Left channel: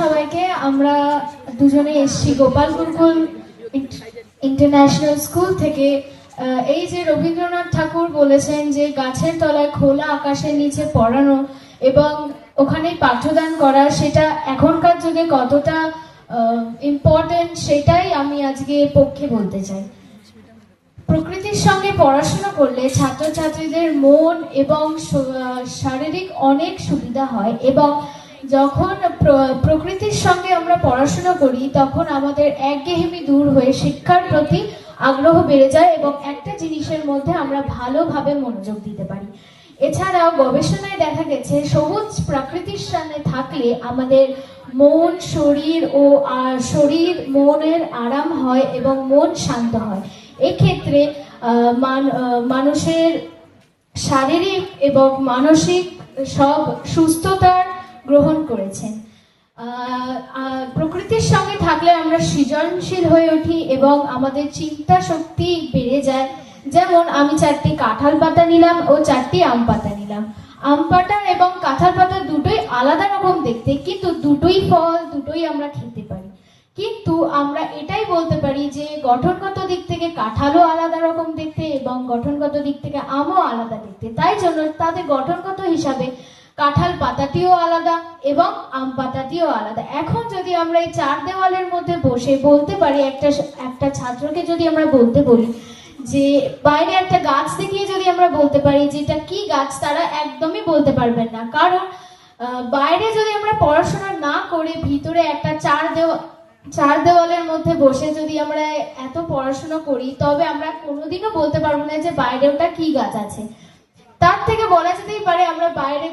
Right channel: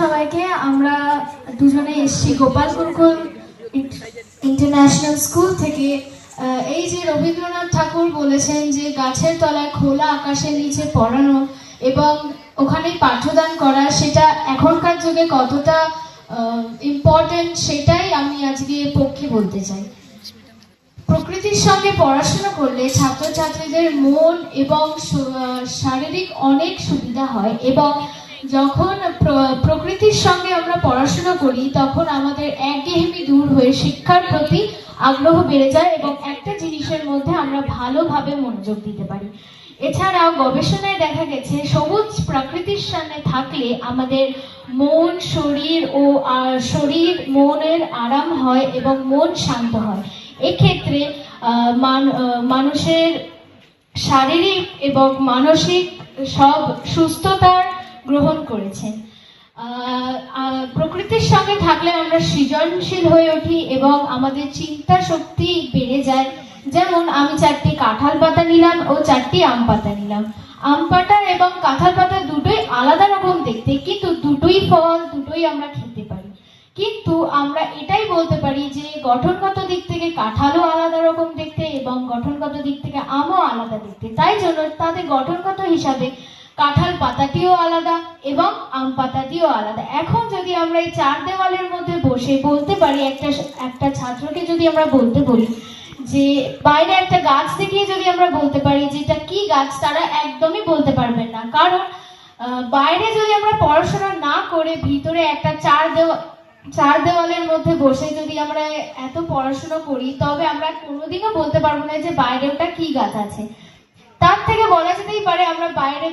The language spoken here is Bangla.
সবাইকে, আমরা দুজনে এসেছি গোপাল গুরুকুল ইন্টারন্যাশনাল স্কুল থেকে। এই যে রবীন্দ্রনাথ ঠাকুর বলেছেন যে গাছের তলায় খোলা আকাশের নিচে পড়ানো এবং ওখানেই পাঠদান করা, সেটা এখনকার যুগে কতটা ইম্পর্টেন্ট সেটাই আমি আজকে পক্ষে বলতে চাই। প্রকৃতির সঙ্গে পড়াশোনা করলে ছাত্রছাত্রীদের মন এবং শারীরিক অনেক সুবিধা হয় এবং যখন প্রকৃতির সঙ্গে আমরা পড়াশোনা করি তখন আমাদের একঘেয়েমি দূর হয়ে শিক্ষার প্রতি আগ্রহ বেড়ে যায় এবং একটা জিনিসের মধ্যে আমরা ভালোভাবে মনোযোগ দিতে পারি। এছাড়াও গবেষণায় দেখা গেছে সবুজ প্রকৃতির সামনে থাকলে আমাদের মন, শরীর মনের আরাম হয় এবং মন শান্ত হয়। এক্ষেত্রে মানুষের শারীরিক এবং মানসিক সব সুস্থতার গ্রহণ করেছেন। প্রকৃতির সঙ্গে থাকলে আমরা সৃজনশীল হয়ে উঠি এবং আমাদের চিন্তা শক্তি বেড়ে যায়। যেমন আমি 4টি কাঁঠাল পাতা নিলাম ও 4টি আম পাতা নিলাম। আম পাতা এবং কাঁঠাল পাতা দুটোই আলাদা রকম দেখতে, কিন্তু দুটোই ফল, দুটোই আমরা খেতে পারি। কিন্তু আমরা এটাই বলতে পারি যে গঠনগত দিক থেকে কাঁঠালও আলাদা রকম দেখতে এবং গঠনগত দিক থেকে আমও আলাদা দেখতে। তাই জন্য তাদের গঠনগত হিসাবে কাঁঠাল পাতাটিও আলাদা এবং আম পাতাটিও আলাদা। এখন যদি আমরা এই 4 দেওয়ালের মধ্যে বসে বলতে পারি, একটা ছাত্রকে যদি আমরা বলতে বলি যে বাইরে একটা গাছ দেখিয়ে যদি আমরা বলতে পারি যে এটা কি গাছ, তারা একদমই বলতে পারবেন না। কারণ বাইরে যদি আমরা পড়াশোনা না করে ভিতরে একটা 4 দেওয়ালের মধ্যে বসে যদি আমরা এত পড়াশোনা করি, তবে আমরা কোনোদিনও বলতে পারবো না যে বাইরে ওটা কি গাছ আছে। তার থেকে বলা যেতেই পারে আমরা বাইরে